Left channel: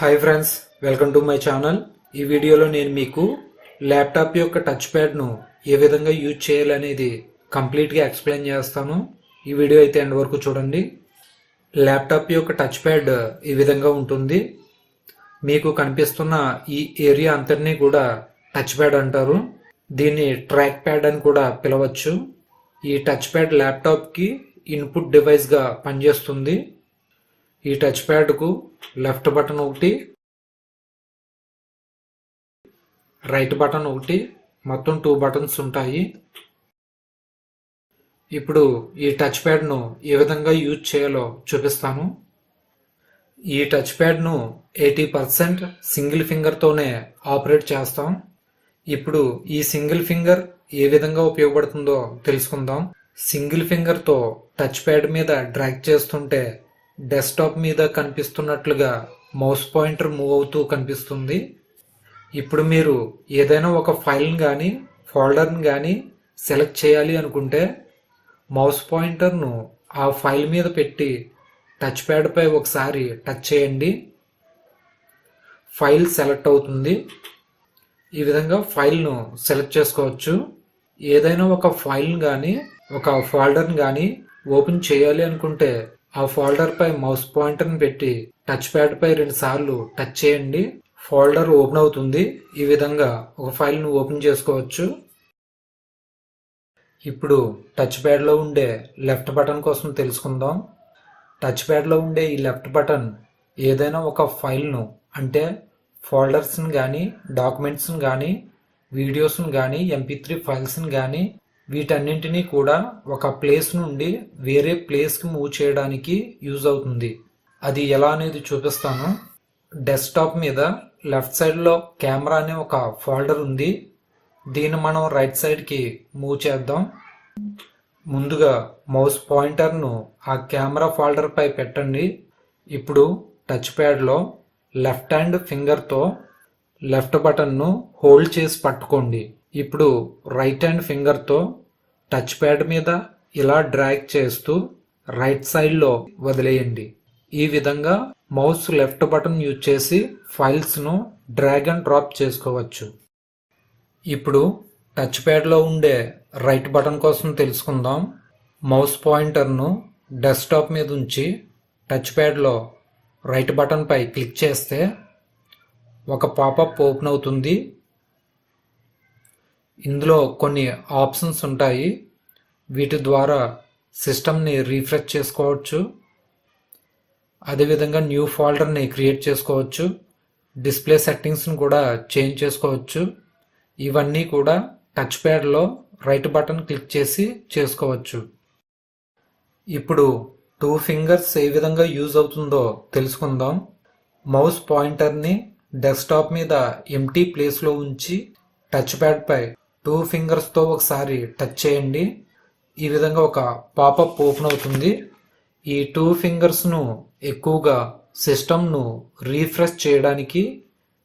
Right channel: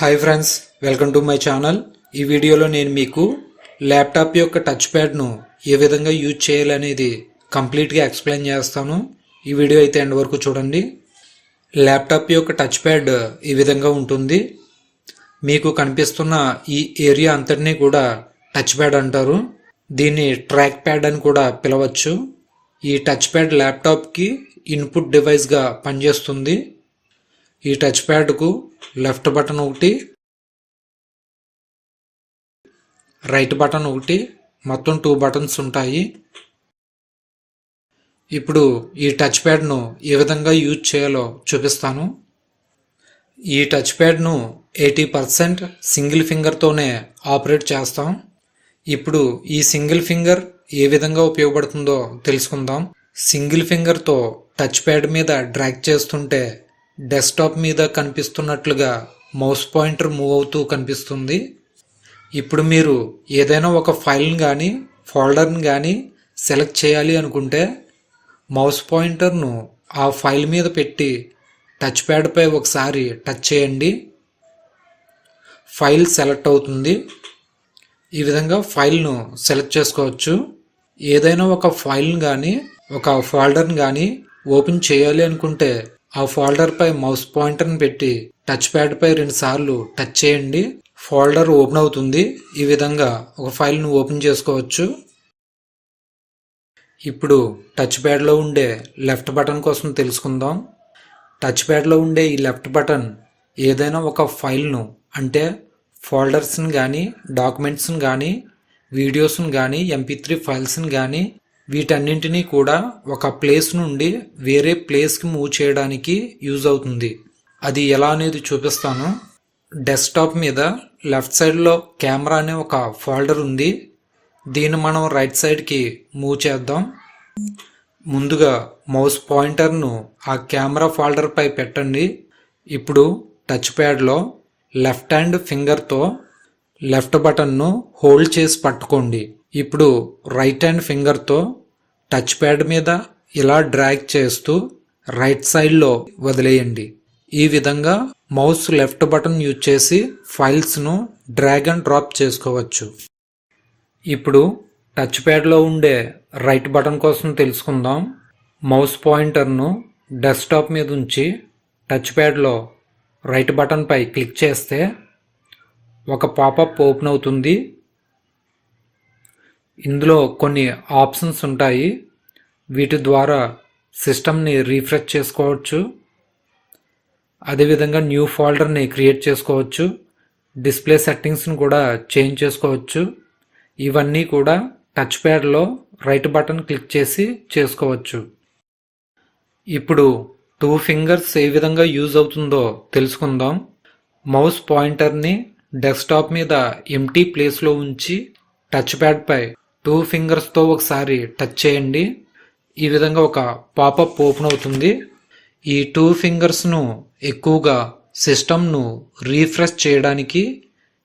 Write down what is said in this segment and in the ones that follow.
Hi friends, welcome to my channel. ఈ వీడియోలో నేను మీకు ల్యాప్టాప్ యొక్క టచ్ ప్యాడ్ను ఏ విధంగా యూజ్ చేయాలనేది కంప్లీట్గా ఎక్స్ప్లెయిన్ చేస్తాను. ఈ వీడియో అయితే ఎండ్ వరకు చూడండి. ల్యాప్టాప్ యొక్క టచ్ ప్యాడ్ ఈ విధంగా ఉంటుంది. మీకు కనిపిస్తున్న ఈ ఏరియా అంతటినీ కూడా టచ్ ప్యాడ్ అంటారు. దీన్ని ట్రాక్ ప్యాడ్ అని కూడా పిలవచ్చు. ఈ టచ్ ప్యాడ్ ల్యాప్టాప్కి ఇన్పుట్ డివైస్గా పనిచేస్తుంది. ఈ టచ్ ప్యాడ్కు లెఫ్ట్ బటన్ ఒకటి, రైట్ బటన్ ఒకటి, మొత్తం 2 బటన్స్ ఉంటాయి. ఇప్పుడు ఈ టచ్ ప్యాడ్ను ఏ విధంగా యూజ్ చేయాలో చూపిస్తాను. ఈ టచ్ ప్యాడ్ను 80% సింగిల్ ఫింగర్తోనే ఆపరేట్ చేస్తాం. ఇప్పుడు ఈ సింగిల్ ఫింగర్ ఏ విధంగా ఉపయోగపడుతుందో తెలుసుకుందాం. సింగిల్ ఫింగర్తో టచ్ ప్యాడ్ మీద డ్రాగ్ చేస్తుంటే డెస్క్టాప్ మీద కనిపిస్తున్నట్లుగా మౌస్ పాయింటర్ మూవ్ అవుతూ కనిపిస్తుంది. ఇప్పుడు మీరు ఏదైనా ఒక ఫైల్ని కానీ ఫోల్డర్ని కానీ సెలెక్ట్ చేయాలి అనుకుంటే మౌస్ పాయింటర్ను ఆ ఫైల్ మీద పెట్టి టచ్ ప్యాడ్పై ఒకసారి టచ్ చేయండి. ఫైల్ సెలెక్ట్ అవుతుంది. ఈ విధంగా ఫైల్ను సెలెక్ట్ చేసుకోవచ్చు. ఏదైనా ఒక ఫైల్ని కానీ ఒక ఫోల్డర్ని కానీ ఓపెన్ చేయాలి అనుకుంటే ఆ ఫోల్డర్పై మౌస్ పాయింటర్ని పెట్టి టచ్ ప్యాడ్పై 2 సార్లు టచ్ చేయండి. ఫోల్డర్ ఓపెన్ అవుతుంది. ఈ విధంగా ఒక ఫైల్ను ఓపెన్ చేసుకోవచ్చు. ఇప్పుడు టచ్ ప్యాడ్లో ఉండే లెఫ్ట్ బటన్ కోసం తెలుసుకుందాం. టచ్ ప్యాడ్లో ఉండే ఈ లెఫ్ట్ బటన్ ఏదైనా ఒక ఫైల్ను అంటే ఫోల్డర్స్ని కానీ డాక్యుమెంట్స్ని కానీ వీడియోస్ని కానీ MP3 ఫైల్స్ని కానీ వీటన్నింటినీ కూడా ఒక ప్లేస్ నుండి వేరే ప్లేస్కి మూవ్ చేయడానికి యూజ్ అవుతుంది. అది ఎలా అనేది చూపిస్తాను. డెస్క్టాప్ మీద లెఫ్ట్ సైడ్లో కెమెరా అనే ఒక ఫోల్డర్ ఉంది. దీన్ని మనం రైట్ సైడ్కి మూవ్ చేద్దాం. ముందుగా మౌస్ పాయింటర్ను ఆ కెమెరా ఫోల్డర్పై పెట్టండి. ఇప్పుడు టచ్ ప్యాడ్లో లెఫ్ట్ హ్యాండ్ ఫింగర్తో లెఫ్ట్ బటన్ను హోల్డ్ చేసి పట్టుకోండి. ఇప్పుడు రైట్ హ్యాండ్ ఫింగర్తో టచ్ ప్యాడ్ మీద ఇలా డ్రాగ్ చేస్తూ రైట్ సైడ్లో వదిలేయండి. ఈ విధంగా మౌస్ లెఫ్ట్ బటన్ యూజ్ చేసి ఫైల్స్ను డ్రాగ్ అండ్ డ్రాప్ చేసుకోవచ్చు. ఇప్పుడు టచ్ ప్యాడ్లో ఉండే రైట్ బటన్ కోసం తెలుసుకుందాం. మౌస్ పాయింటర్ను డెస్క్టాప్ మీద ఉంచి టచ్ ప్యాడ్లో రైట్ బటన్పై క్లిక్ చేస్తే ఒక పాపప్ ఓపెన్ అవుతుంది. ఇందులో కొన్ని ఆప్షన్స్ ఉంటాయి. వీటి ద్వారా సిస్టమ్ని రీఫ్రెష్ చేసుకోవచ్చు. అదేవిధంగా న్యూ ఫోల్డర్ని క్రియేట్ చేసుకోవచ్చు. డిస్ప్లే సెట్టింగ్స్ని కూడా చేంజ్ చేసుకోవచ్చు. ఇవన్నీ కూడా టచ్ ప్యాడ్లో రైట్ బటన్ క్లిక్ చేసి చేసుకోవచ్చు. ఇప్పుడు 2 ఫింగర్స్ ఏ విధంగా యూజ్ అవుతుందో తెలుసుకుందాం. మౌస్ పాయింటర్ని డెస్క్టాప్ మీద ఎంటీ ప్లేస్లో ఉంచి టచ్ ప్యాడ్పై 2 ఫింగర్స్తో ఒకసారి టచ్ చేయండి. ఈ విధంగా ఒక పాపప్ ఓపెన్ అవుతుంది. ఈ 2 ఫింగర్స్ను ఎక్కువగా సిస్టమ్ను రీఫ్రెష్ చేయడానికి,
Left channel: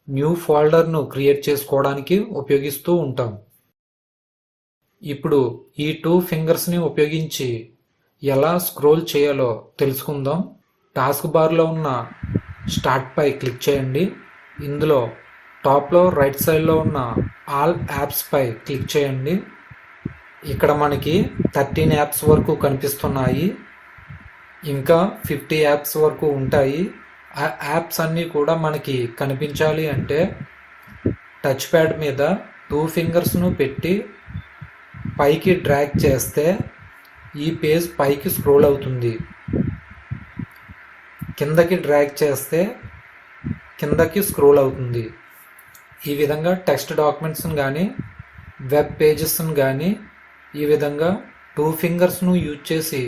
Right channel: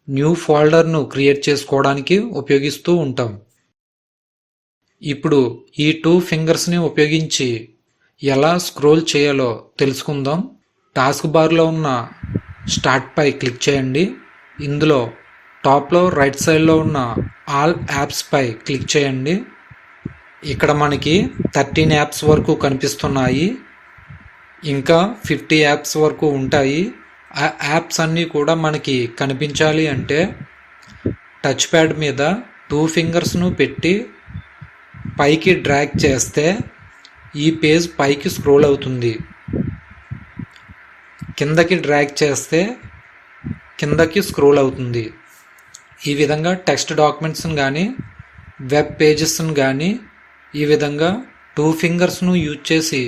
న్యూ ఫోల్డర్ను క్రియేట్ చేసుకోవడానికి ఉపయోగిస్తూ ఉంటాం. ఇప్పుడు ఈ 2 ఫింగర్స్ని ఉపయోగించి ఎలా స్క్రోల్ చేయాలో తెలుసుకుందాం. టాస్క్ బార్లో ఉన్న స్టార్ట్పై క్లిక్ చేయండి. ఇందులో టాప్లో రైట్ సైడ్లో ఉన్న ఆల్ యాప్స్పై క్లిక్ చేయండి. ఇక్కడ మనకి 13 యాప్స్ వరకు కనిపిస్తున్నాయి. ఇంకా 50 యాప్స్ వరకు ఉంటాయి. ఆ యాప్స్ అన్నీ కూడా మనకి కనిపించాలి అంటే టచ్ ప్యాడ్ మీద 2 ఫింగర్స్ను పెట్టి పైకి డ్రాగ్ చేస్తే ఈ పేజ్ పైకి స్క్రోల్ అవుతుంది. కిందకి డ్రాగ్ చేస్తే కిందకి స్క్రోల్ అవుతుంది. ఈ విధంగా టెక్స్ట్ డాక్యుమెంట్స్ని కానీ వెబ్ పేజెస్ని కానీ ఈ విధంగా 2 ఫింగర్స్ను యూజ్ చేసి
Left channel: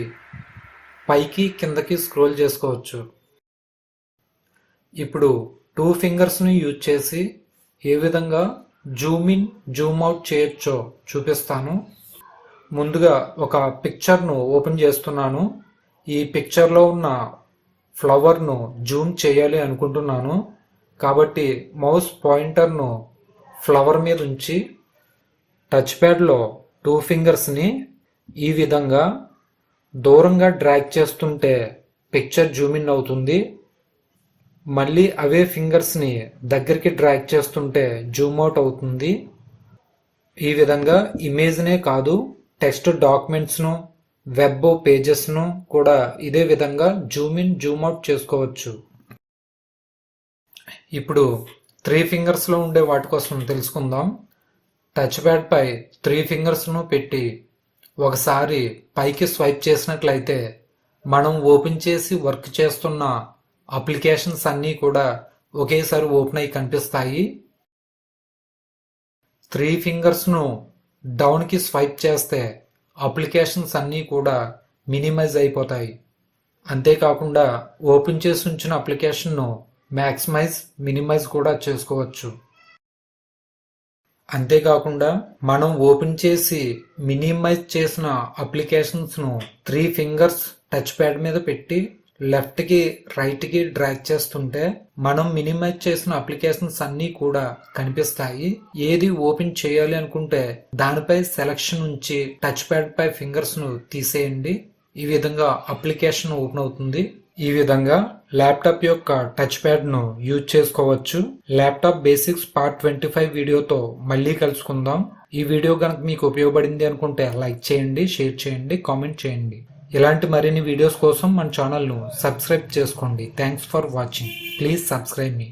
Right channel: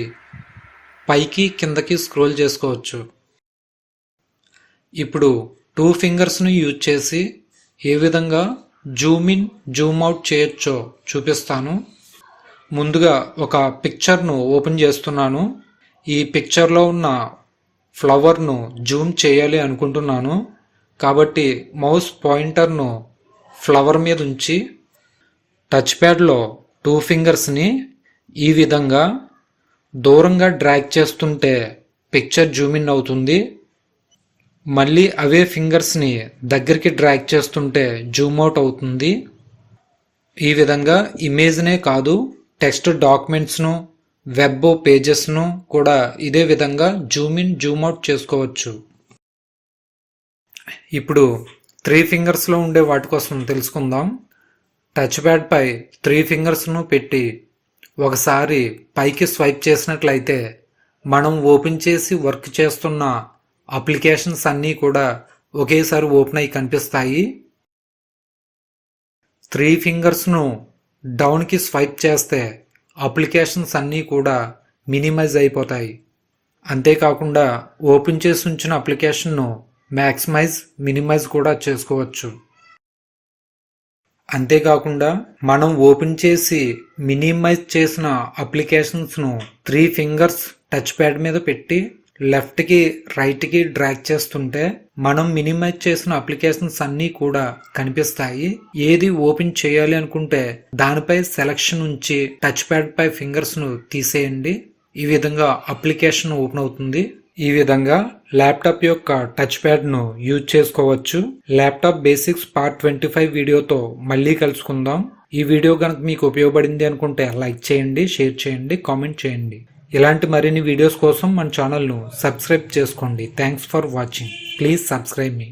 పైకి కిందకి స్క్రోల్ చేసుకోవచ్చు. ఇప్పుడు 2 ఫింగర్స్ను యూజ్ చేసి ఏ విధంగా జూమ్ ఇన్ జూమ్ అవుట్ చేయొచ్చో చూపిస్తాను. ముందుగా ఒక పిక్చర్ను ఓపెన్ చేస్తున్నాను. ఈ పిక్చర్లో ఉన్న ఫ్లవర్ను జూమ్ చేయాలి అనుకుంటున్నాను. కాబట్టి మౌస్ పాయింటర్ను ఫ్లవర్ మీద ఉంచి టచ్ ప్యాడ్లో 2 ఫింగర్స్ని ఈ విధంగా దూరంగా డ్రాగ్ చేస్తుంటే పిక్చర్ జూమ్ ఇన్ అవుతుంది. మళ్ళీ అవే ఫింగర్స్ని దగ్గరికి డ్రాగ్ చేస్తుంటే జూమ్ అవుట్ అవుతుంది. ఈ విధంగా ఇమేజ్నే కాదు, టెక్స్ట్ డాక్యుమెంట్స్ను, వెబ్ పేజెస్ను కూడా ఇదే విధంగా జూమ్ ఇన్ జూమ్ అవుట్ చేసుకోవచ్చు. ఇప్పుడు 3 ఫింగర్స్లో ఉండే వాటి కోసం తెలుసుకుందాం. టచ్ ప్యాడ్ పై 3 ఫింగర్స్ను పెట్టి ఒకసారి పైకి స్వైప్ చేసినట్లయితే మనం ఓపెన్ చేసి వర్క్ చేస్తున్న అప్లికేషన్స్ అన్నీ కూడా ఒకేసారి ఓపెన్ అయి కనిపిస్తాయి. 3 ఫింగర్స్ను డౌన్కి స్వైప్ చేస్తే అప్లికేషన్స్ అన్నీ కూడా మినిమైజ్ అయిపోతాయి. అంతేకాకుండా ఓపెన్ చేసి ఉంచిన అప్లికేషన్ను మ్యాక్సిమైజ్, మినిమైజ్ కూడా చేసుకోవచ్చు. అంతేకాకుండా మనం ఓపెన్ చేసి మినిమైజ్ చేసిన అప్లికేషన్స్ను 3 ఫింగర్స్ టచ్ ప్యాడ్ మీద పెట్టి లెఫ్ట్కి రైట్కి డ్రాగ్ చేస్తుంటే మనం మినిమైజ్ చేసిన అప్లికేషన్స్ అన్నీ కూడా కనిపిస్తాయి. ఏది ఓపెన్ చేయాలి అనుకుంటే దానిపై సెలెక్షన్ ఉంచి టచ్ ప్యాడ్ పై ఫింగర్స్ను తీసేయండి. ఈ విధంగా అప్లికేషన్ ఓపెన్ అవుతుంది. ఈ విధంగా ల్యాప్టాప్ యొక్క టచ్ ప్యాడ్ను యూజ్ చేసుకోవచ్చు. ల్యాప్టాప్ బేసిక్స్ పార్ట్ 25 వీడియోతో మళ్ళీ కలుసుకుందాం. ఈ వీడియో కనుక మీకు ఉపయోగపడింది అనుకుంటే లైక్ చేయండి, షేర్ చేయండి, కామెంట్ చేయండి. ఇలాంటి మరిన్ని వీడియోస్ కోసం మన ఛానల్ను సబ్స్క్రైబ్ చేసుకోండి. Thanks for watching. Please subscribe me.